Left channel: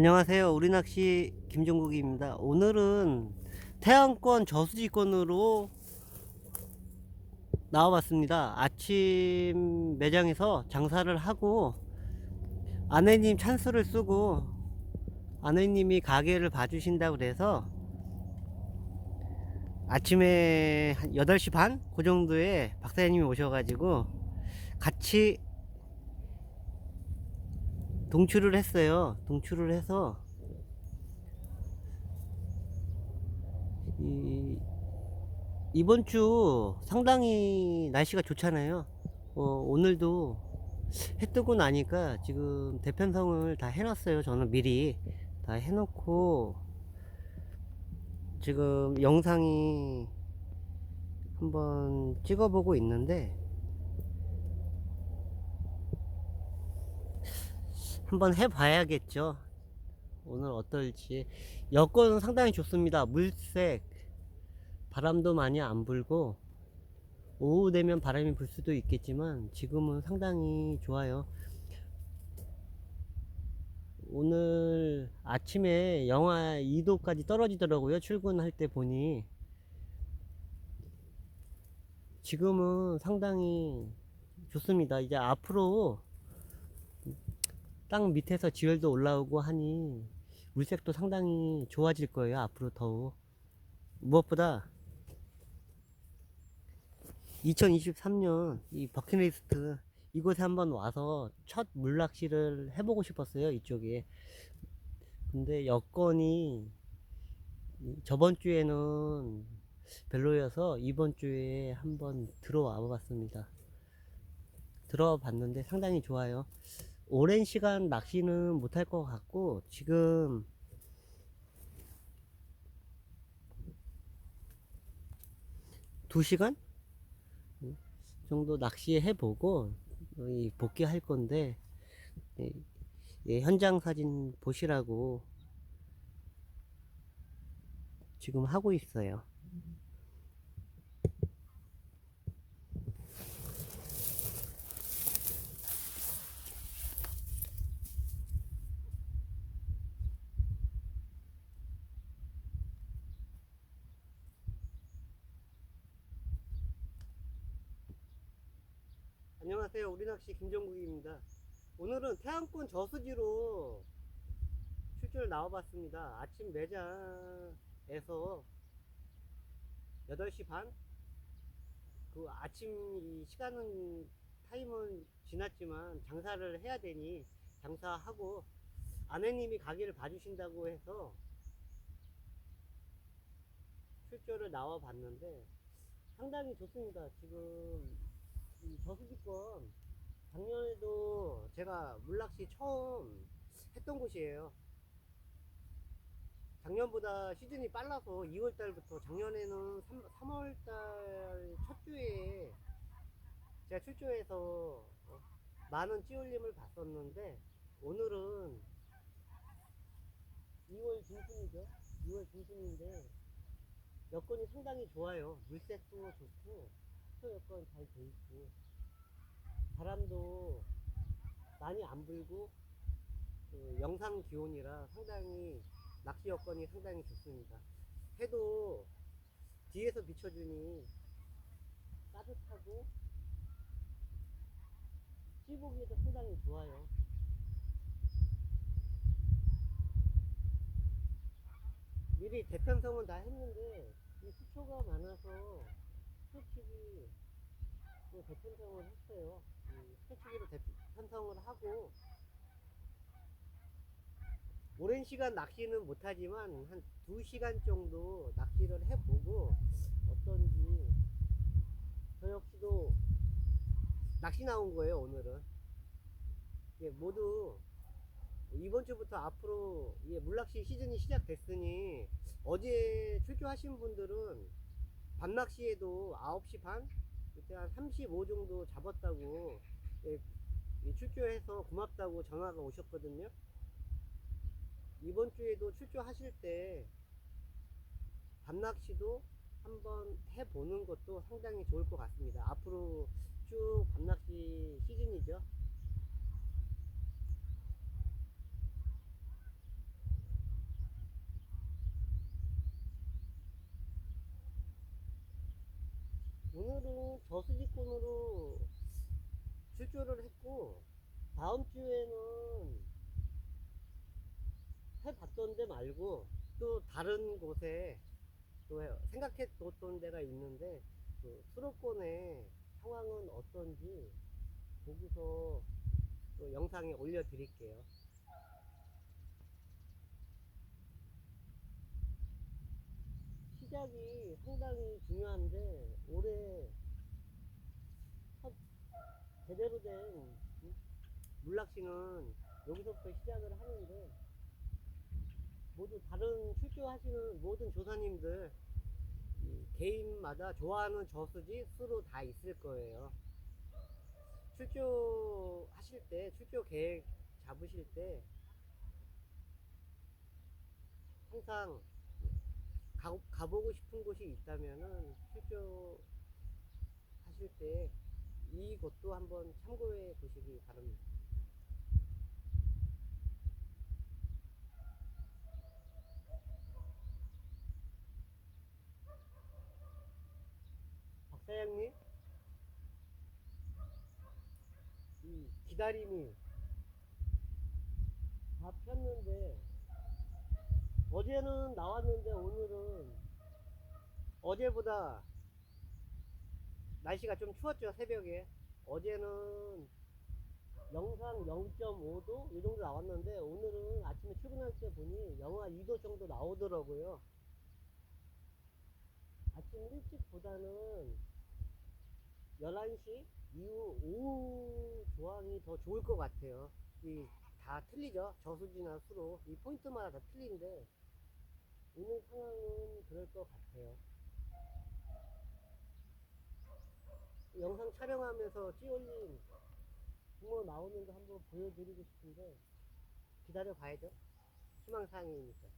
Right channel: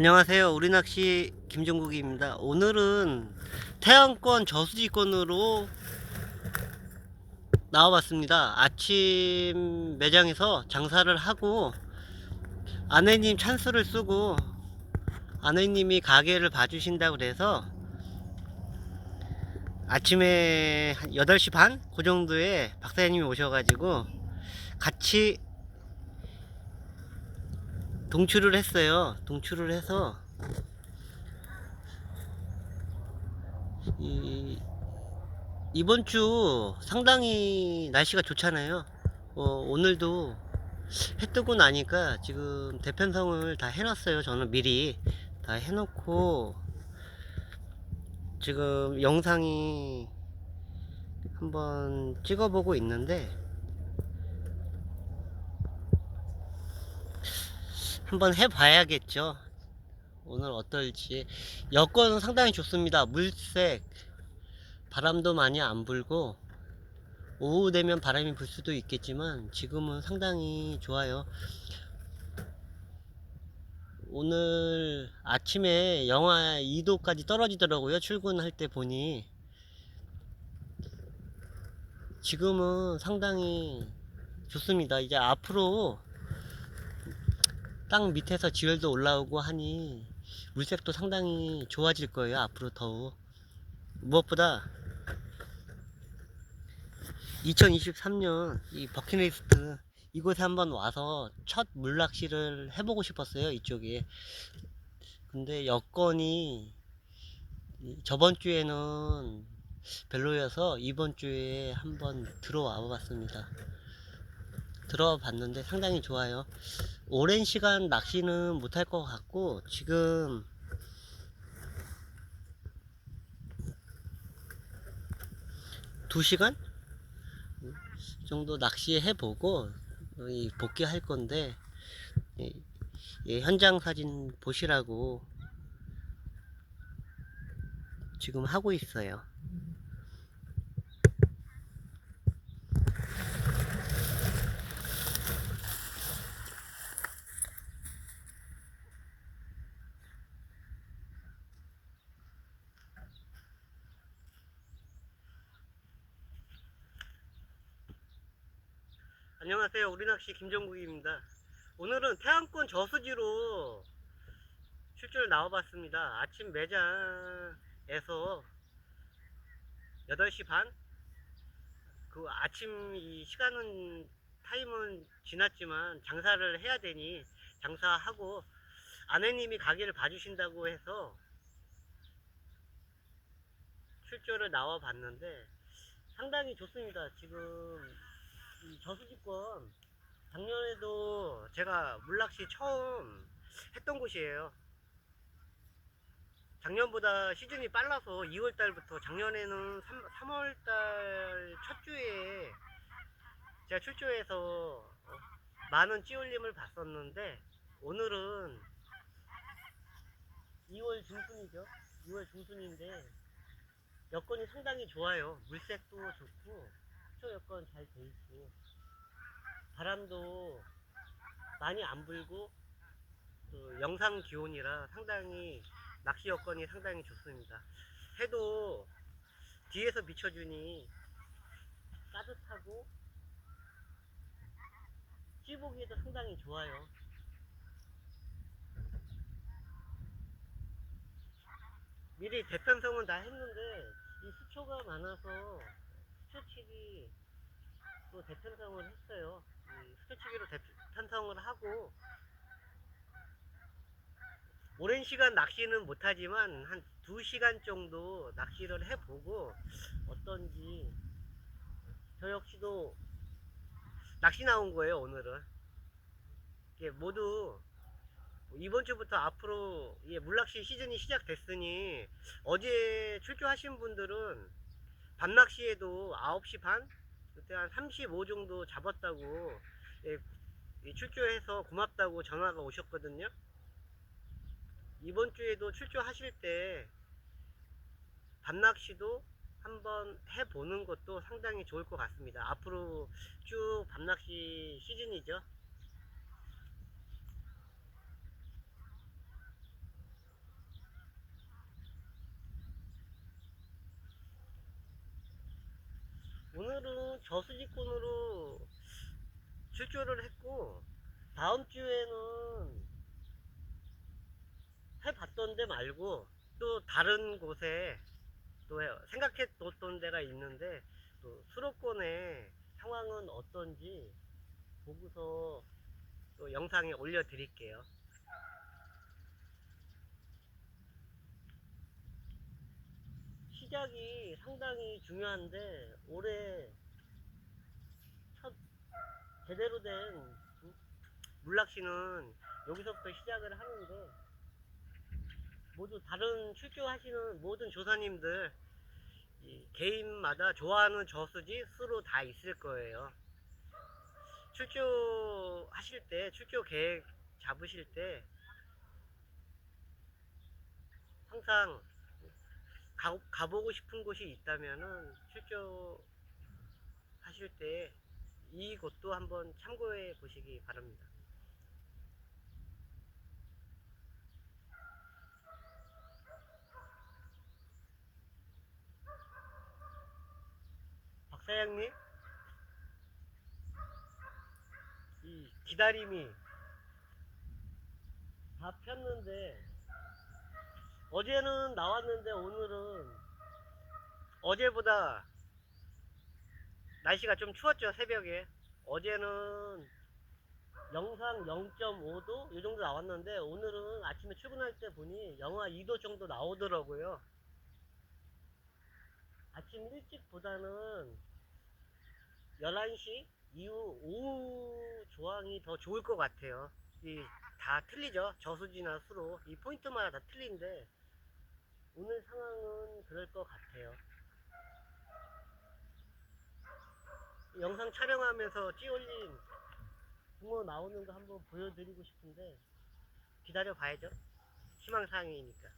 안녕하세요. 우리낚시 김종국입니다. 오늘은 태안권 저수지권으로 나와봤습니다. 아침 매장에서 장사를 하고 아내님 찬스를 쓰고 아내님이 가게를 봐주신다고 그래서 아침에 한 8시 반? 그 정도에 박사님이 오셔가지고 같이 동출을 했어요. 동출을 해서 이 이번 주 상당히 날씨가 좋잖아요. 오늘도 해 뜨고 나니까 지금 대편성을 다 해놨어요. 저는 미리 다 해놓고 지금 영상이 한번 찍어보고 있는데 한번 해봐야겠죠. 오늘 어떨지. 여건은 상당히 좋습니다. 물색, 바람도 많이 안 불고 오후 되면 바람이 불 수도 있겠지만 지금은 상당히 좋아요. 오늘 아침에 영하 2도까지 떨어지더라고요. 출근할 때 보니. 지금은 상당히 좋습니다. 이제 앞으로 땅 밑에서 지열도 올라오고 하니 물색도 상당히 좋아질 거예요. 앞으로 더욱. 무엇보다 2023년 이 버킷리스트 이곳에 한번 와서 첫 물낚시를 해보고 싶었어요. 이쪽에. 근데 여건이 저번 주에는 별로여서 이번 주에 한번 들어와 봤습니다. 들어와 봤는데 상당히 좋아요. 오랜 시간 낚시는 못할 것 같고 지금 2시간 정도 낚시해 보고 복귀할 건데 현장 사진 보시라고 지금 하고 있어요. 안녕하세요. 우리낚시 김정국입니다. 오늘은 태안권 저수지로 출조를 나와봤습니다. 아침 매장에서 8시 반? 그 아침 이 시간은 타임은 지났지만 장사를 해야 되니 장사하고 아내님이 가게를 봐주신다고 해서 출조를 나와 봤는데 상당히 좋습니다. 지금 이 저수지권 작년에도 제가 물낚시 처음 했던 곳이에요. 작년보다 시즌이 빨라서 2월달부터 작년에는 3월달 첫 주에 제가 출조해서 많은 찌올림을 봤었는데 오늘은 2월 중순이죠. 2월 중순인데 여건이 상당히 좋아요. 물색도 좋고 수초 여건 잘 돼 있고 바람도 많이 안 불고 그 영상 기온이라 상당히 낚시 여건이 상당히 좋습니다. 해도 뒤에서 비춰주니 따뜻하고 찌보기에도 상당히 좋아요. 미리 대편성은 다 했는데 이 수초가 많아서 수초치기 또 대편성을 했어요. 이 수초치기로 대편성을 하고 오랜 시간 낚시는 못하지만 한 2시간 정도 낚시를 해보고 어떤지 저 역시도 낚시 나온 거예요. 오늘은 모두 이번 주부터 앞으로 물낚시 시즌이 시작됐으니 어제 출조하신 분들은 밤낚시에도 9시 반 그때 한 35 정도 잡았다고 출조해서 고맙다고 전화가 오셨거든요. 이번 주에도 출조하실 때 밤낚시도 한번 해보는 것도 상당히 좋을 것 같습니다. 앞으로 쭉 밤낚시 시즌이죠. 저수지권으로 출조를 했고, 다음 주에는 해봤던 데 말고 또 다른 곳에 또 생각해 뒀던 데가 있는데, 또 수도권의 상황은 어떤지 보고서 또 영상에 올려 드릴게요. 시작이 상당히 중요한데, 올해 첫 제대로 된 물낚시는 여기서부터 시작을 하는데, 모두 다른 출조하시는 모든 조사님들 이 개인마다 좋아하는 저수지 수로 다 있을 거예요. 출조하실 때, 출조 계획 잡으실 때 항상 가보고 싶은 곳이 있다면은 출조 하실 때 이곳도 한번 참고해 보시기 바랍니다. 박 사장님, 이 기다림이 다 폈는데, 어제는 나왔는데 오늘은 어제보다 날씨가 좀 추웠죠. 새벽에 어제는 영상 0.5도 이 정도 나왔는데, 오늘은 아침에 출근할 때 보니 영하 2도 정도 나오더라고요. 아침 일찍보다는 11시 이후 오후 조항이 더 좋을 것 같아요. 이 다 틀리죠. 저수지나 수로 이 포인트마다 다 틀린데, 오늘 상황은 그럴 것 같아요. 영상 촬영하면서 찌올린 붕어 나오는 거 한번 보여드리고 싶은데, 기다려 봐야죠. 희망사항이니까.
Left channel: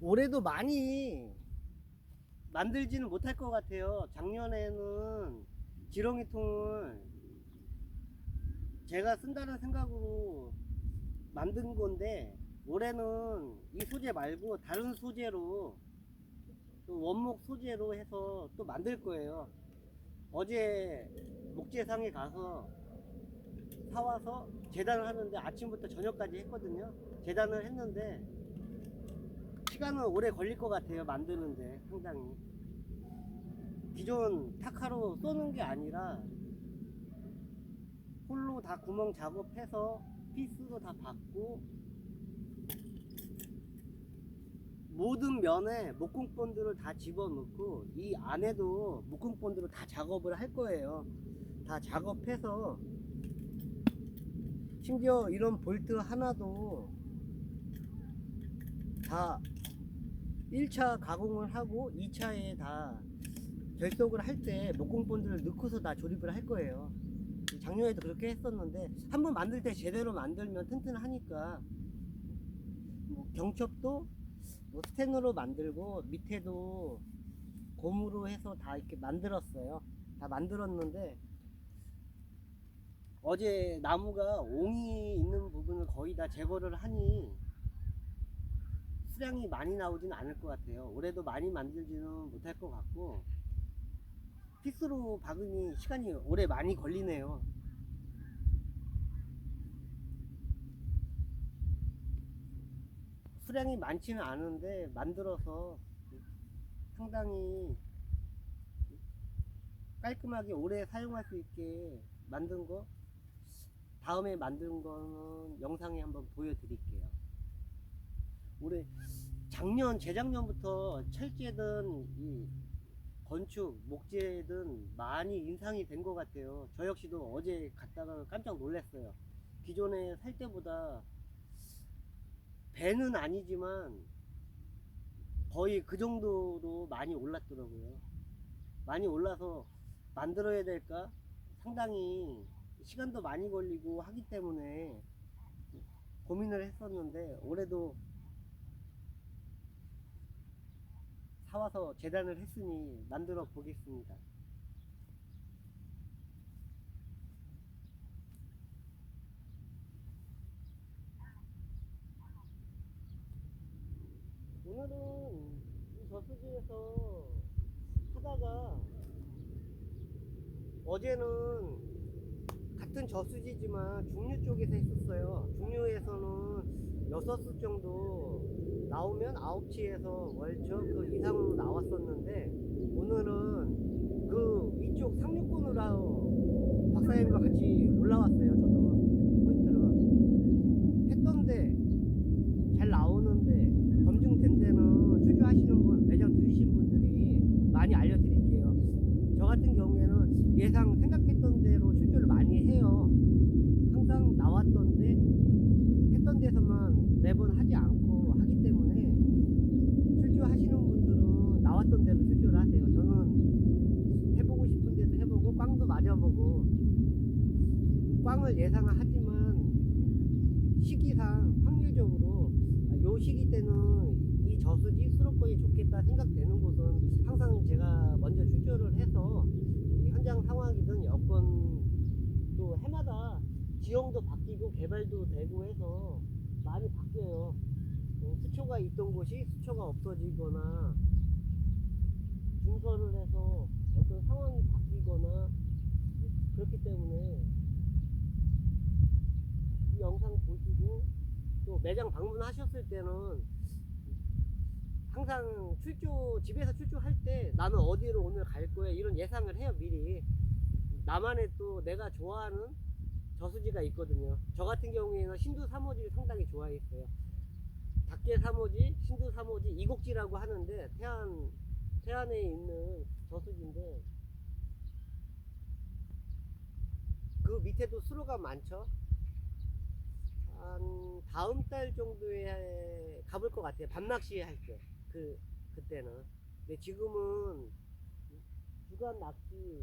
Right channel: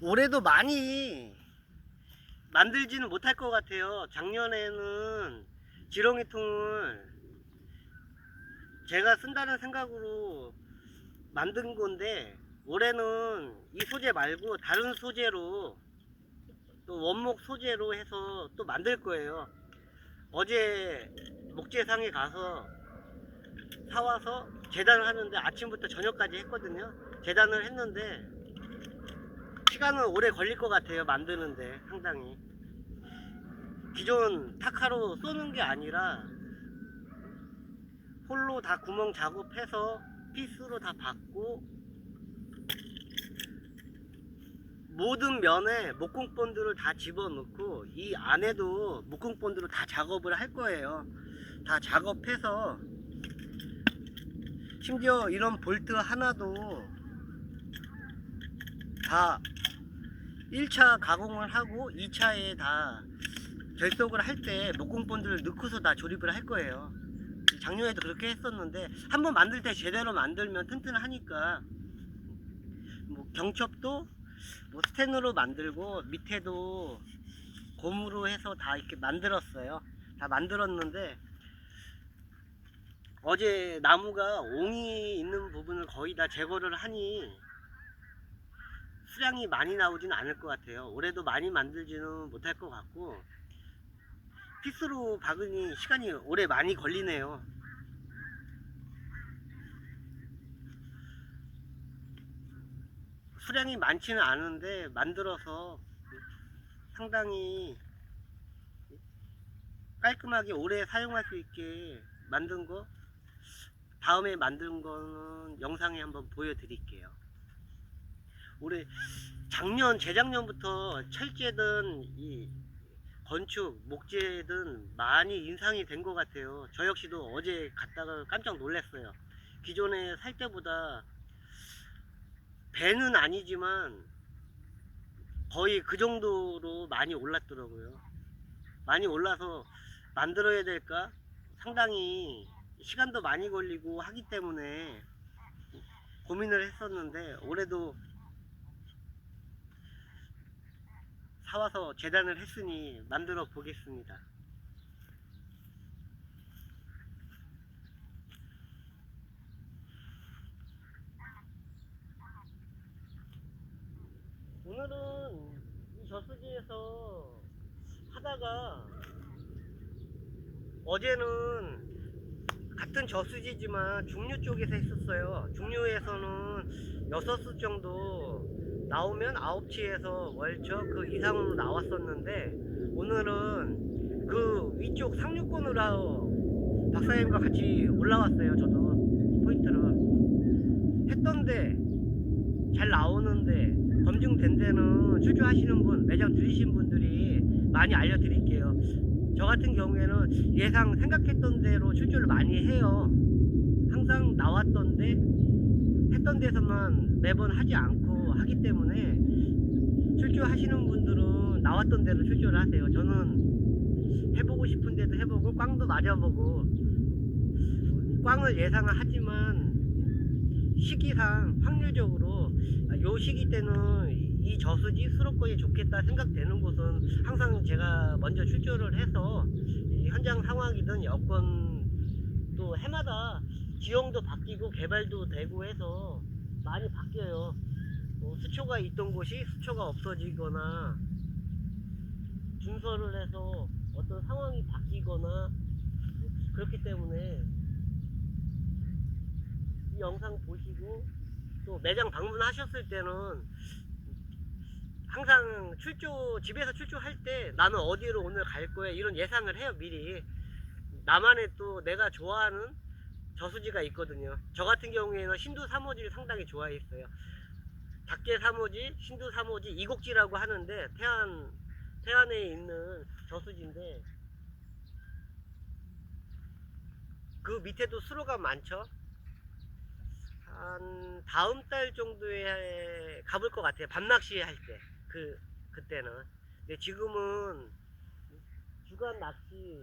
올해도 많이 만들지는 못할 것 같아요. 작년에는 지렁이통을 제가 쓴다는 생각으로 만든 건데, 올해는 이 소재 말고 다른 소재로, 또 원목 소재로 해서 또 만들 거예요. 어제 목재상에 가서 사와서 재단을 하는데, 아침부터 저녁까지 했거든요. 재단을 했는데 시간은 오래 걸릴 것 같아요. 만드는데 상당히. 기존 타카로 쏘는 게 아니라 홀로 다 구멍 작업해서 피스로 다 받고, 모든 면에 목공본드를 다 집어넣고 이 안에도 목공본드로 다 작업을 할 거예요. 다 작업해서, 심지어 이런 볼트 하나도 다 1차 가공을 하고 2차에 다 결속을 할 때 목공본드를 넣고서 다 조립을 할 거예요. 작년에도 그렇게 했었는데, 한번 만들 때 제대로 만들면 튼튼하니까, 뭐 경첩도 뭐 스텐으로 만들고 밑에도 고무로 해서 다 이렇게 만들었어요. 다 만들었는데, 어제 나무가 옹이 있는 부분을 거의 다 제거를 하니 수량이 많이 나오지는 않을 것 같아요. 올해도 많이 만들지는 못할 것 같고, 피스로 박으니 시간이 오래 많이 걸리네요. 수량이 많지는 않은데 만들어서 상당히 깔끔하게 오래 사용할 수 있게 만든 거, 다음에 만든 거는 영상에 한번 보여드릴게요. 올해 재작년부터 철제든 이 건축, 목재든 많이 인상이 된 것 같아요. 저 역시도 어제 갔다가 깜짝 놀랐어요. 기존에 살 때보다 배는 아니지만 거의 그 정도로 많이 올랐더라고요. 많이 올라서 만들어야 될까 상당히 시간도 많이 걸리고 하기 때문에 고민을 했었는데, 올해도 사와서 재단을 했으니 만들어 보겠습니다. 오늘은 이 저수지에서 하다가, 어제는 같은 저수지지만 중류 쪽에서 했었어요. 중류에서는 6수 정도 나오면 9치에서 월척 그 이상으로 나왔었는데, 오늘은 그 위쪽 상류권으로 박사님과 같이 올라왔어요. 저도 포인트를 했던데 잘 나오는데, 검증된 데는 출조하시는 분, 매장 들이신 분들이 많이 알려드릴게요. 저 같은 경우에는 예상 생각했던 대로 출조를 많이 해요. 항상 나왔던데 했던 데서만 매번 하지 않고 하기 때문에, 출조하시는 분들은 나왔던 대로 출조를 하세요. 저는 해보고 싶은 데도 해보고 꽝도 맞아보고, 꽝을 예상을 하지만 시기상 확률적으로 요 시기 때는 이 저수지 수록권이 좋겠다 생각되는 곳은 항상 제가 먼저 출조를 해서, 이 현장 상황이든 여건 또 해마다 지형도 바뀌고 개발도 되고 해서 많이 바뀌어요. 수초가 있던 곳이 수초가 없어지거나 준설을 해서 어떤 상황이 바뀌거나 그렇기 때문에, 이 영상 보시고 또 매장 방문하셨을 때는 항상 집에서 출조할 때 나는 어디로 오늘 갈 거야 이런 예상을 해요, 미리. 나만의 또 내가 좋아하는 저수지가 있거든요. 저 같은 경우에는 신도 3호지를 상당히 좋아했어요. 닭계 3호지, 신도 3호지, 이곡지라고 하는데, 태안에 있는 저수지인데, 그 밑에도 수로가 많죠. 한 다음 달 정도에 가볼 것 같아요. 밤낚시 할 때. 그때는. 근데 지금은 주간 낚시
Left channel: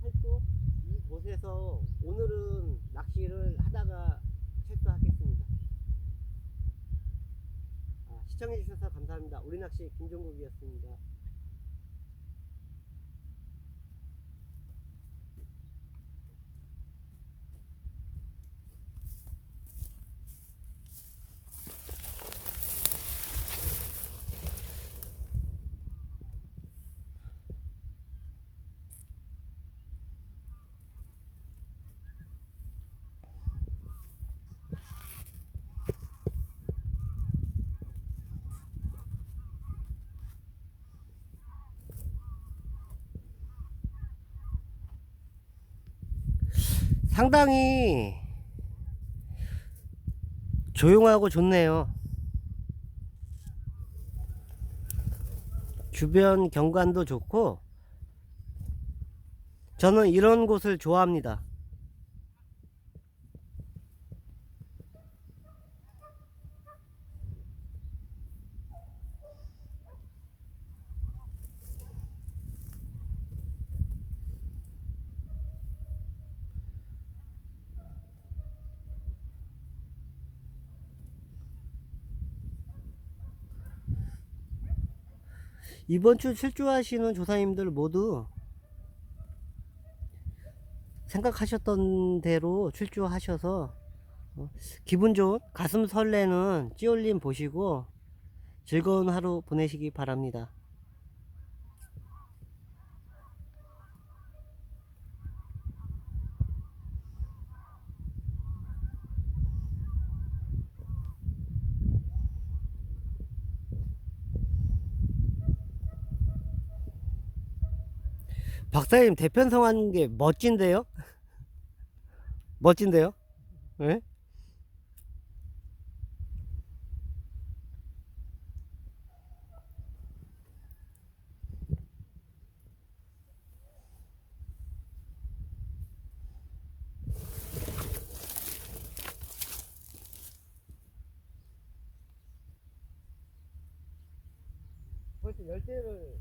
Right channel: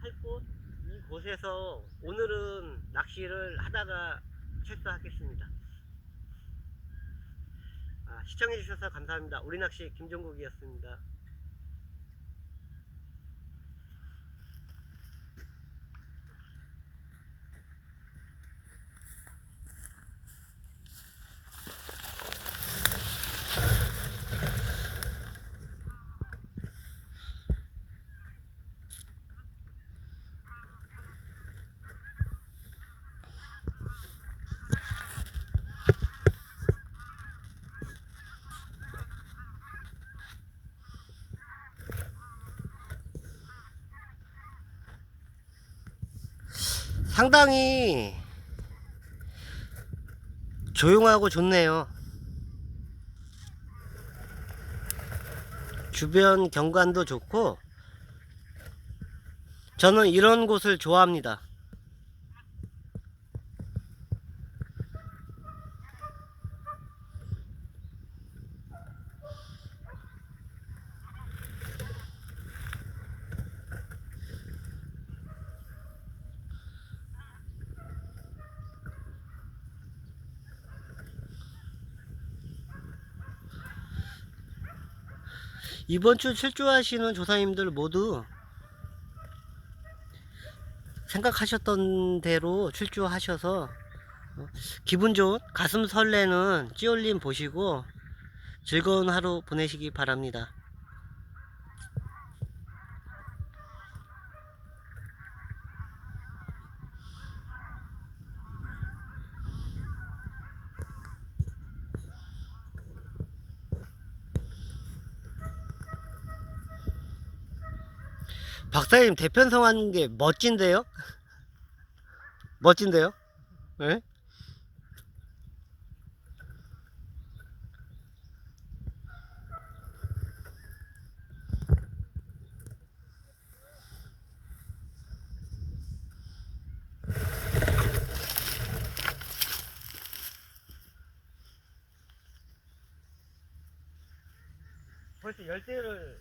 할 곳, 이곳에서 오늘은 낚시를 하다가 철수하겠습니다. 시청해주셔서 감사합니다. 우리낚시 김종국이었습니다. 상당히 조용하고 좋네요. 주변 경관도 좋고, 저는 이런 곳을 좋아합니다. 이번 주 출조하시는 조사님들 모두 생각하셨던 대로 출조하셔서 기분 좋은, 가슴 설레는 찌올림 보시고 즐거운 하루 보내시기 바랍니다. 박사님 대편성 하는 게 멋진데요? 멋진데요? 네? 벌써 열대를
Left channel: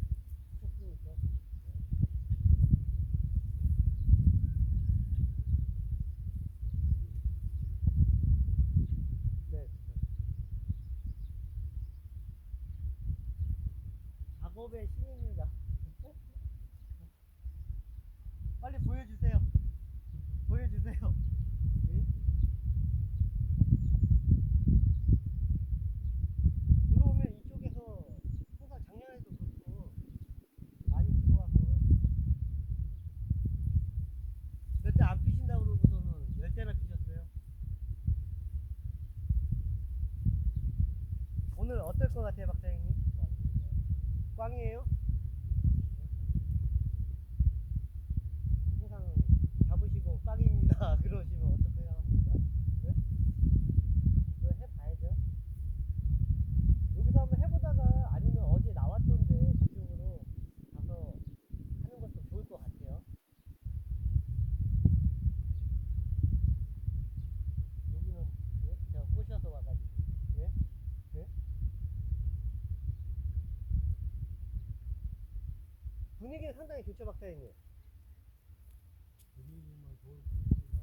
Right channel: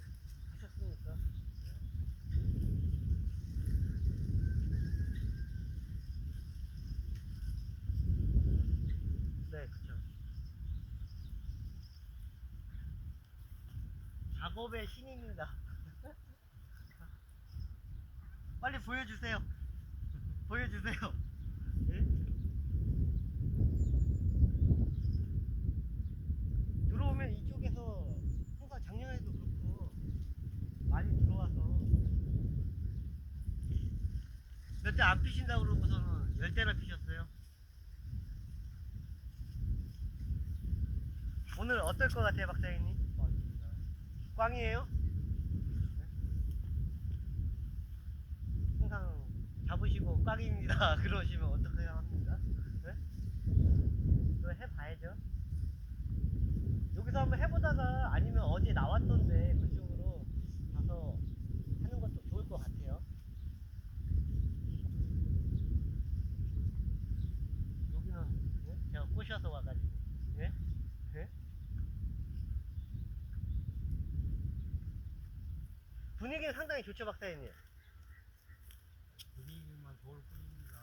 마법의 신입니다. 빨리 보여주세요. 보여주세요. 예? 들어오면 이쪽에서 항상 작년에도 그렇고 많이 들어와서 몇 대 안 피신다고 그러고서는 10대나 피셨어요. 오늘 어떨 것 같아요, 박사님? 꽝이에요? 항상 잡으시고 꽝입니다 그러시면 어떻게 합니까? 네? 그거 해봐야죠. 여기서 한번 해보다가 아니면 어제 나왔던데 그쪽으로 가서 하는 것도 좋을 것 같아요. 여기는 예? 제가 꼬셔서 와가지고 예? 예? 분위기는 상당히 좋죠, 박사님? 분위기만 좋을 뿐입니다.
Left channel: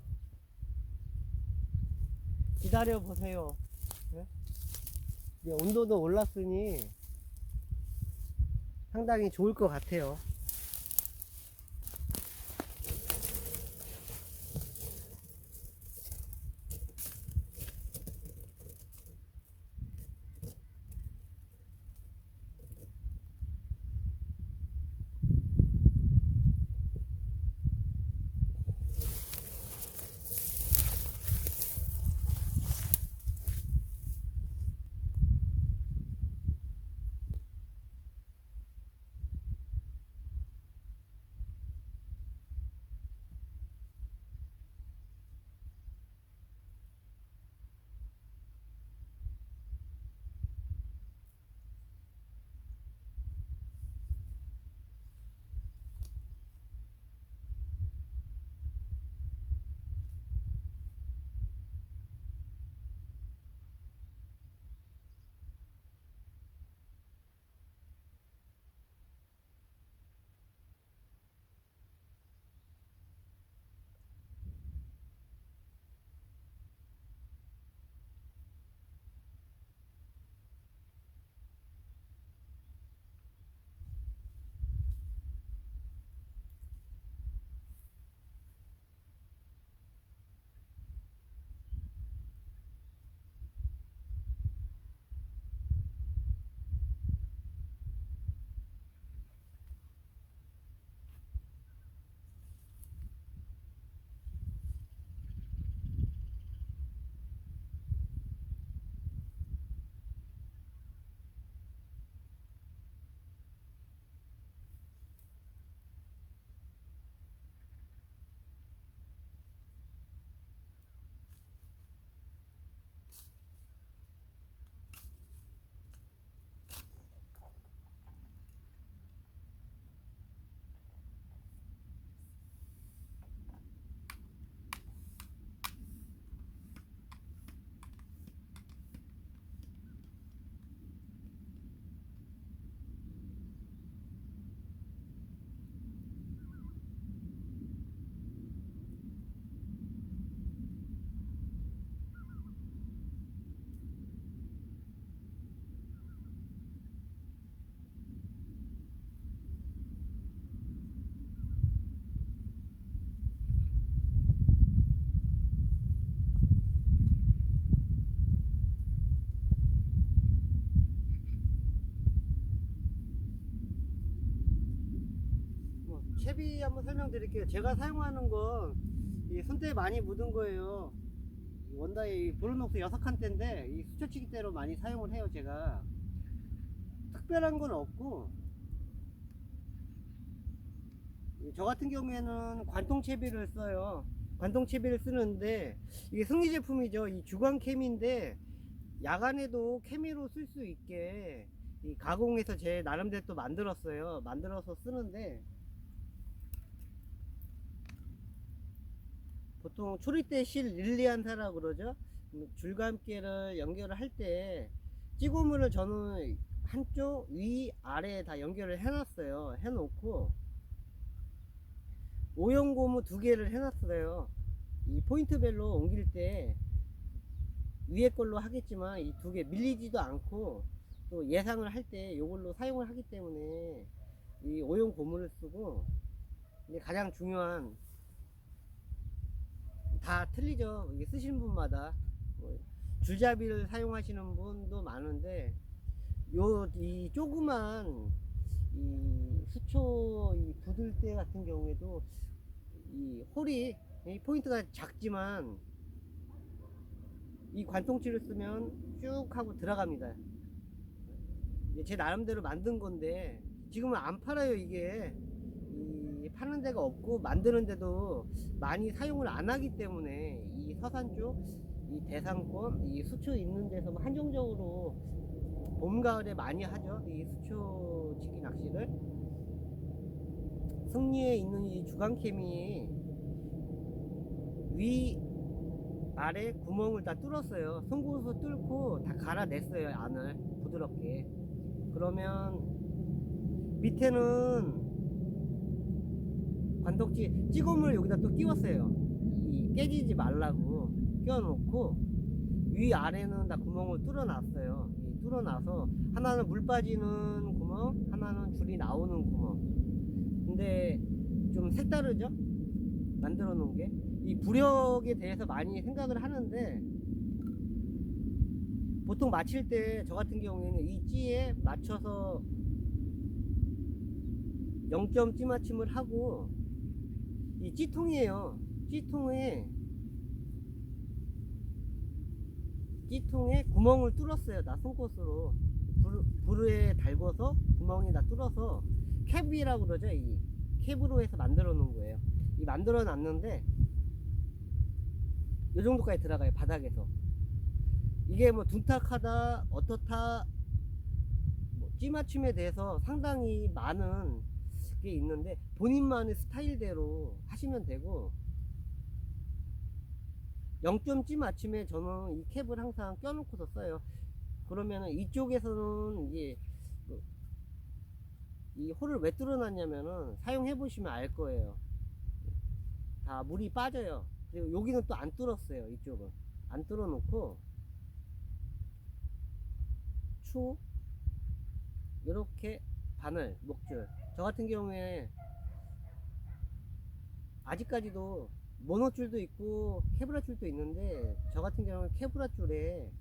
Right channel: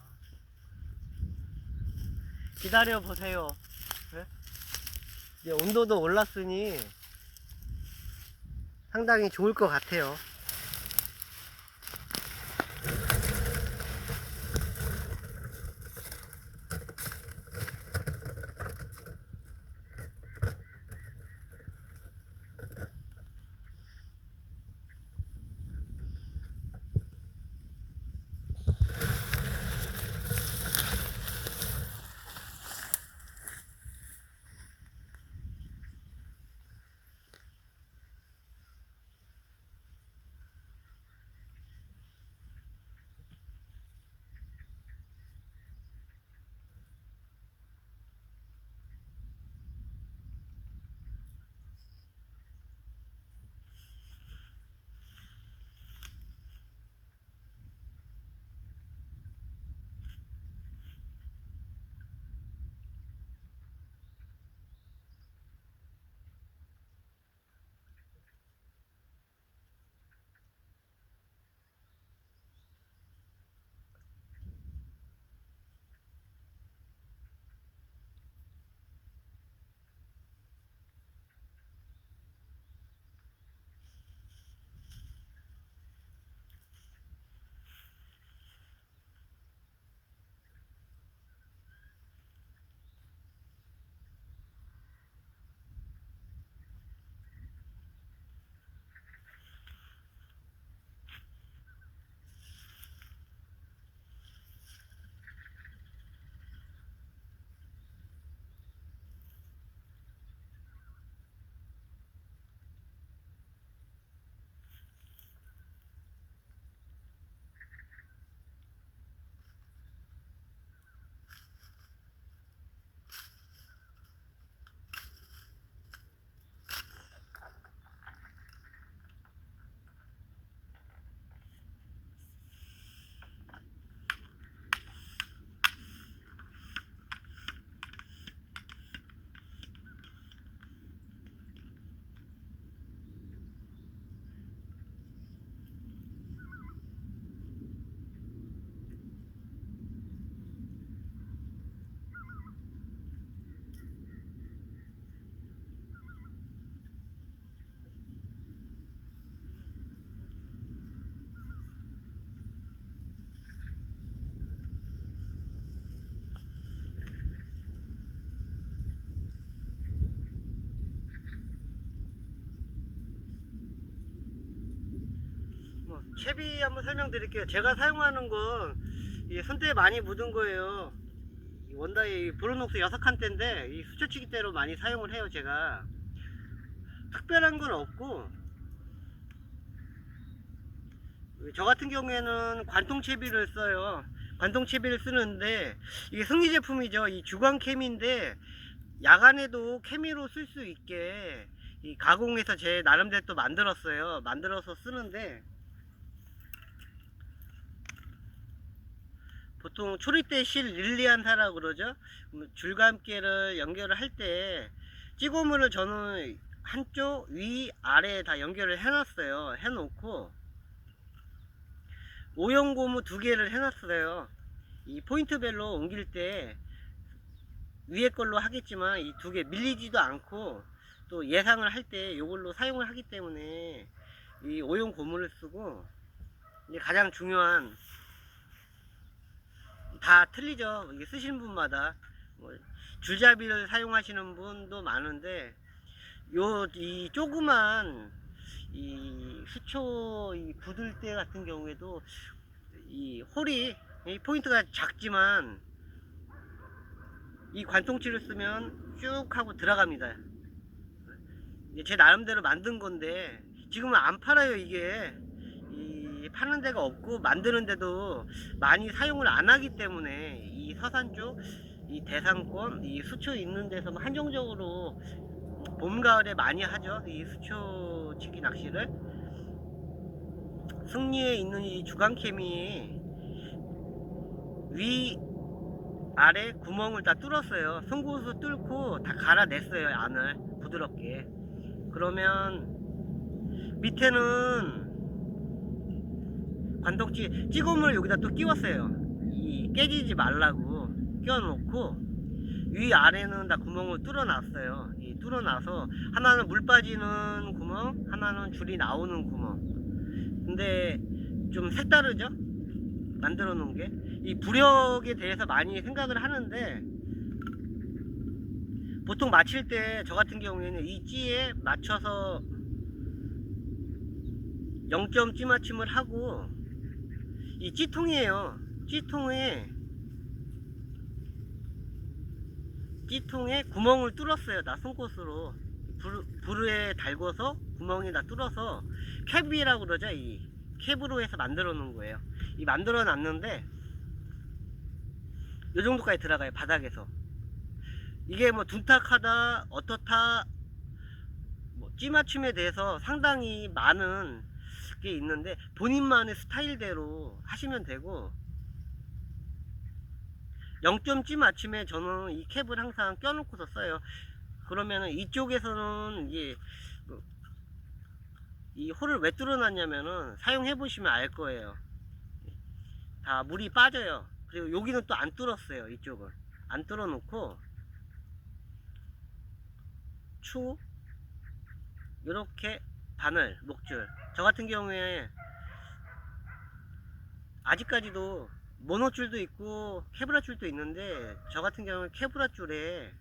기다려 보세요. 예? 이제 온도도 올랐으니 상당히 좋을 것 같아요. 채비 한번 설명드릴게요. 제가 사용하는 건 손대에 많이 묻은 거예요. 원다이 브로녹스 6칸대인데 이 수초치기대로 많이 사용을 해요. 제가 특별한 건 없고, 저 같은 경우에는 관통채비를 써요. 관통채비를 쓰는데 이게 승리 제품이죠. 이 주광 캠인데 야간에도 케미로 쓸 수 있게 이 가공해서 제 나름대로 또 만들었어요. 만들어서 쓰는데 보통 초리대 실 릴리안타라고 그러죠. 줄감개를 연결을 할 때 찌고물을 저는 한쪽 위 아래 다 연결을 해놨어요. 해놓고 오형 고무 2개를 해놨어요. 이 포인트별로 옮길 때 위에 걸로 하겠지만 이 2개 밀리지도 않고 또 예상을 할 때 이걸로 사용을 하기 때문에 이 오용 고무를 쓰고, 이제 가장 중요한, 다 틀리죠. 이게 쓰시는 분마다. 뭐 줄잡이를 사용하시는 분도 많은데, 이 조그만 이 수초 이 굳을 때 같은 경우에도 이 홀이, 이 포인트가 작지만 이 관통치를 쓰면 쭉 하고 들어갑니다. 제 나름대로 만든 건데 지금은 안 팔아요. 이게 파는 데가 없고 만드는 데도 많이 사용을 안 하기 때문에, 이 서산 쪽 이 대상권 이 수초 있는 데서 한정적으로 봄 가을에 많이 하죠. 이 수초 치기 낚시를. 승리에 있는 이 주간케미 위 아래 구멍을 다 뚫었어요. 송곳으로 뚫고 다 갈아냈어요. 안을 부드럽게. 그러면 밑에는 관통치 찌고물 여기다 또 끼웠어요. 이 깨지지 말라고 끼워놓고, 위 아래는 다 구멍을 뚫어놨어요. 이 뚫어놔서 하나는 물 빠지는 구멍, 하나는 줄이 나오는 구멍. 근데 좀 색다르죠? 만들어 놓은 게. 이 부력에 대해서 많이 생각을 하는데, 보통 맞힐 때 저 같은 경우에는 이 찌에 맞춰서 0점 찌 맞춤을 하고, 이 찌통이에요. 찌통에 구멍을 뚫었어요. 나 송곳으로 불에 달궈서 구멍이 다 뚫어서 캡이라고 그러죠. 이 캡으로 해서 만들어 놓은 거예요. 이 만들어 놨는데 요 정도까지 들어가요. 바닥에서. 이게 뭐 둔탁하다 어떻다 뭐 찌맞춤에 대해서 상당히 많은 게 있는데, 본인만의 스타일대로 하시면 되고, 0점 찌 맞춤에 저는 이 캡을 항상 껴놓고서 써요. 그러면은 이쪽에서는 이게 이 홀을 왜 뚫어놨냐면은 사용해 보시면 알 거예요. 다 물이 빠져요. 그리고 여기는 또 안 뚫었어요. 이쪽은 안 뚫어 놓고 추 이렇게 바늘 목줄, 저 같은 경우에 아직까지도 모노줄도 있고 케브라 줄도 있는데, 저 같은 경우는 케브라 줄에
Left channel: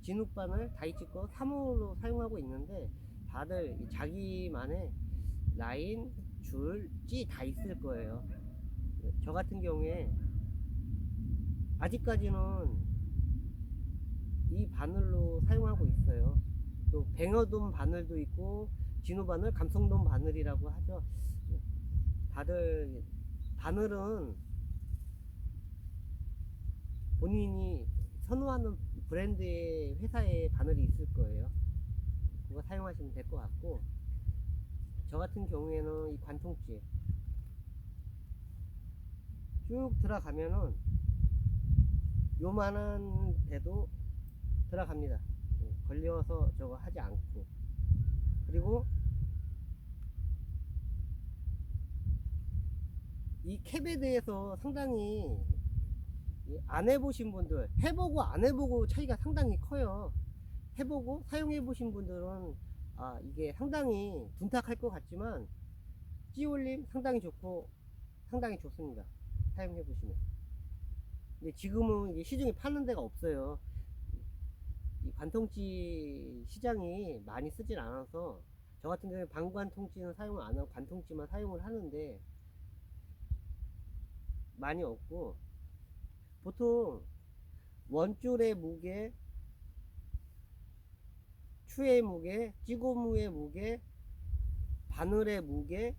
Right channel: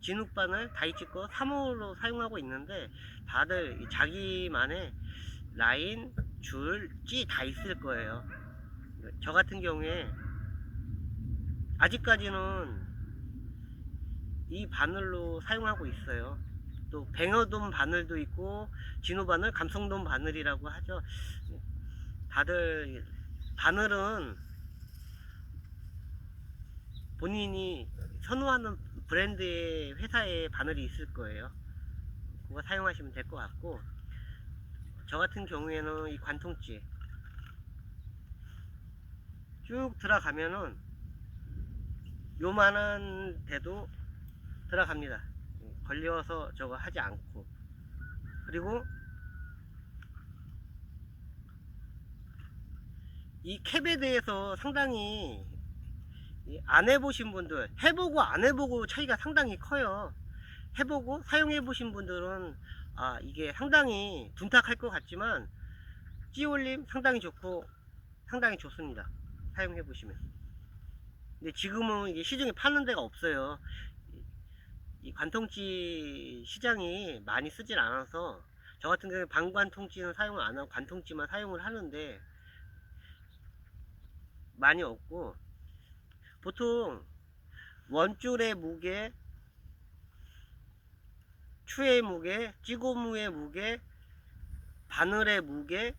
진흙바늘 다이치 거 3호로 사용하고 있는데, 다들 자기만의 라인, 줄, 찌 다 있을 거예요. 저 같은 경우에 아직까지는 이 바늘로 사용하고 있어요. 또 뱅어돔 바늘도 있고 진호바늘, 감성돔 바늘이라고 하죠. 다들 바늘은 본인이 선호하는 브랜드의 회사의 바늘이 있을 거예요. 그거 사용하시면 될 것 같고, 저 같은 경우에는 이 관통찌 쭉 들어가면은 요만한 데도 들어갑니다. 걸려서 저거 하지 않고. 그리고 이 캡에 대해서 상당히 안 해보신 분들, 해보고 안 해보고 차이가 상당히 커요. 해보고 사용해 보신 분들은 이게 상당히 둔탁할 것 같지만 찌올림 상당히 좋고 상당히 좋습니다. 사용해 보시면. 근데 지금은 이게 시중에 파는 데가 없어요. 이 관통찌 시장이 많이 쓰질 않아서, 저 같은 경우에 방관통찌는 사용을 안 하고 관통찌만 사용을 하는데 많이 없고, 보통 원줄의 무게, 추의 무게, 찌고무의 무게, 바늘의 무게,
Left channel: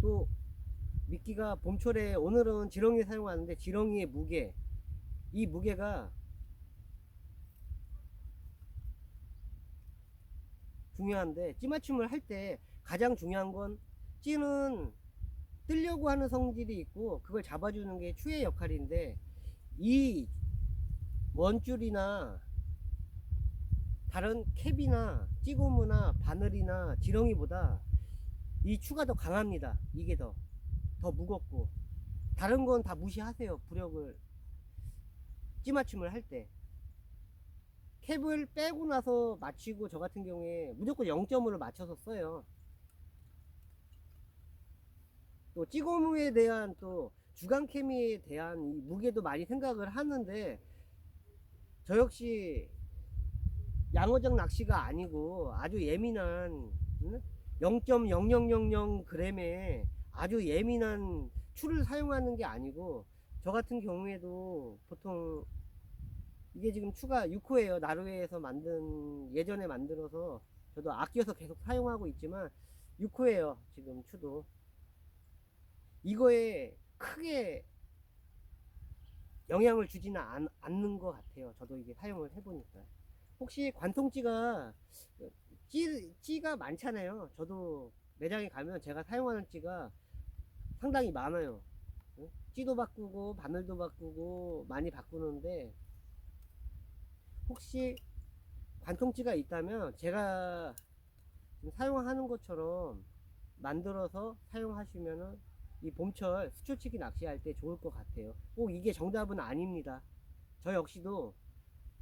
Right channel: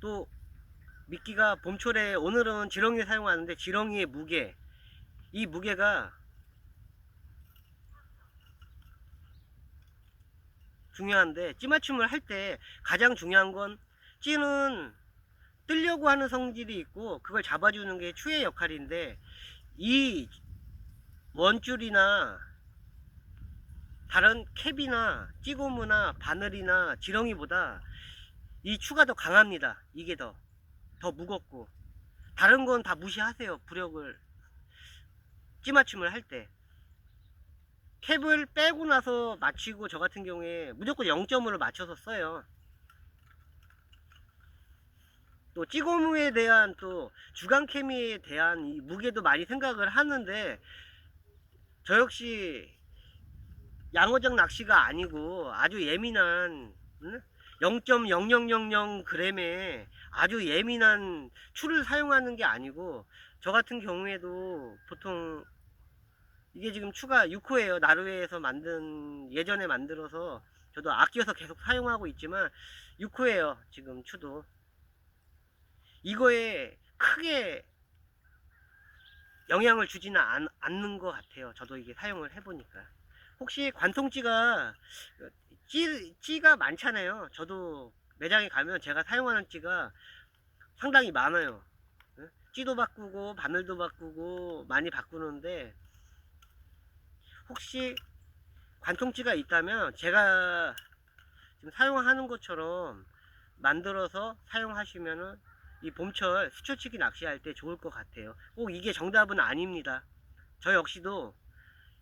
또 미끼가 봄철에 오늘은 지렁이 사용하는데 지렁이의 무게, 이 무게가 중요한데, 찌맞춤을 할 때 가장 중요한 건, 찌는 뜨려고 하는 성질이 있고 그걸 잡아주는 게 추의 역할인데, 이 원줄이나 다른 캡이나 찌고무나 바늘이나 지렁이보다 이 추가 더 강합니다. 이게 더 무겁고. 다른 건 다 무시하세요. 부력을 찌맞춤을 할 때 캡을 빼고 나서 맞추고 저 같은 경우에 무조건 0점으로 맞춰서 써요. 또 찌고무에 대한 또 주간케미에 대한 이 무게도 많이 생각을 하는데 저 역시 양어장 낚시가 아니고 아주 예민한 0.0000g의 아주 예민한 추를 사용하는 게 아니고 저 같은 경우에도 보통 이게 지금 추가 6호예요. 나루에에서 만든 예전에 만들어서 저도 아껴서 계속 사용하고 있지만 6호예요. 지금 추도 이거에 크게 영향을 주지는 않는 것 같아요. 저도 이게 사용을 해보니까. 혹시 관통찌가 찌가 많잖아요. 저도 매장에 가면 제가 사용하는 찌가 상당히 많아요. 찌도 바꾸고 바늘도 바꾸고 많이 바꾸는데 혹시 관통찌가 있다면 제가 지금 사용하는 것처럼 만들어서 사용하시면은 이 봄철 수초치기 낚시할 때 좋을 것 같아요. 꼭 이게 정답은 아닙니다. 저 역시도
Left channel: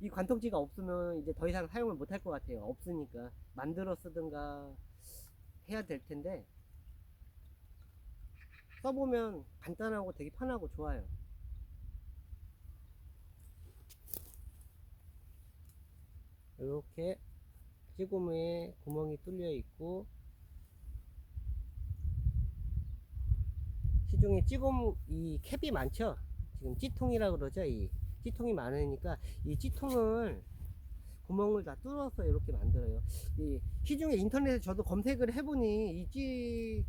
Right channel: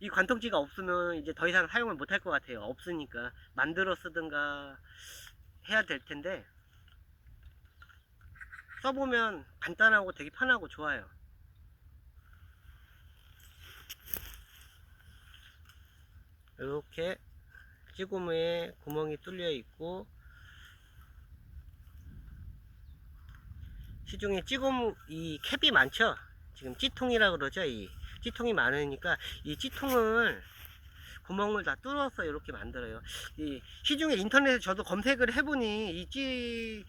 이 관통지가 없으면 이제 더 이상 사용을 못할 것 같아요. 없으니까 만들어 쓰든가 해야 될 텐데 써보면 간단하고 되게 편하고 좋아요. 이렇게 찌고무에 구멍이 뚫려 있고 시중에 찌고무 이 캡이 많죠. 지금 찌통이라 그러죠. 이 찌통이 많으니까 이 찌통을 구멍을 다 뚫어서 이렇게 만들어요. 이 시중에 인터넷에 저도 검색을 해보니 이 찌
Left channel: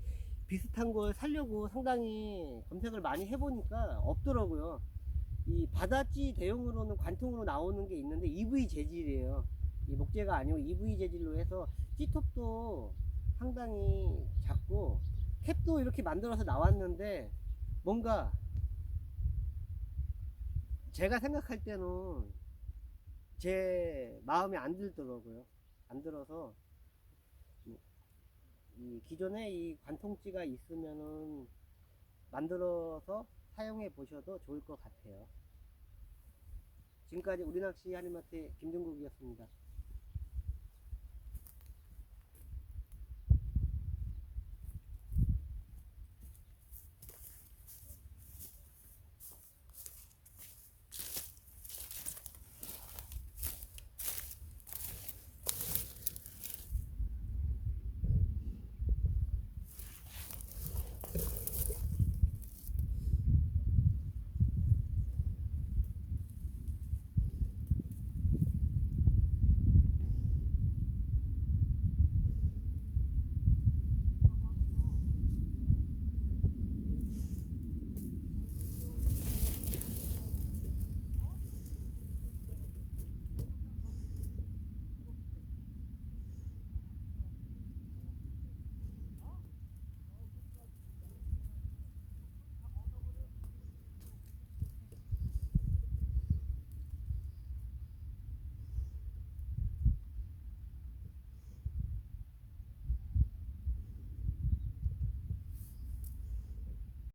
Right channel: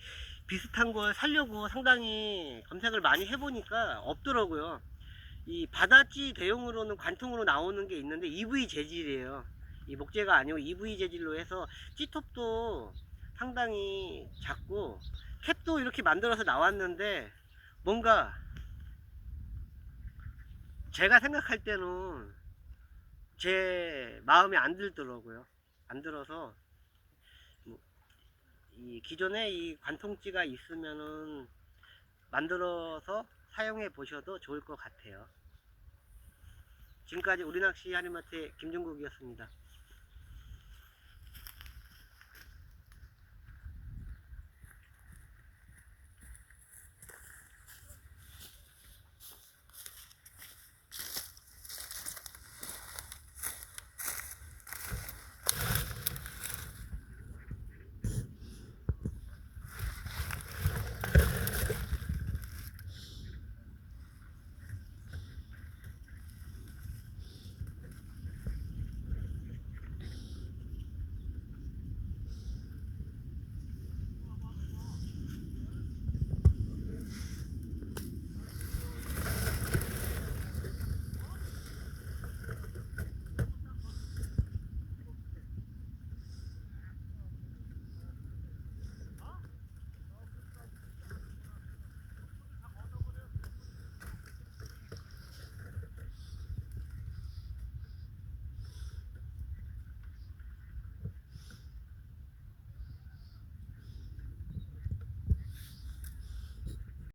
비슷한 걸 사려고 상당히 검색을 많이 해보니까 없더라고요. 이 바다찌 대용으로는 관통으로 나오는 게 있는데 EV 재질이에요. 이 목재가 아니고 EV 재질로 해서 찌톱도 상당히 작고 캡도 이렇게 만들어서 나왔는데 뭔가 제가 생각할 때는 제 마음에 안 들더라고요. 안 들어서 이 기존에 이 관통찌가 있으면은 만들어서 사용해 보셔도 좋을 것 같아요. 지금까지 우리낚시 한인마트의 김종국이었습니다.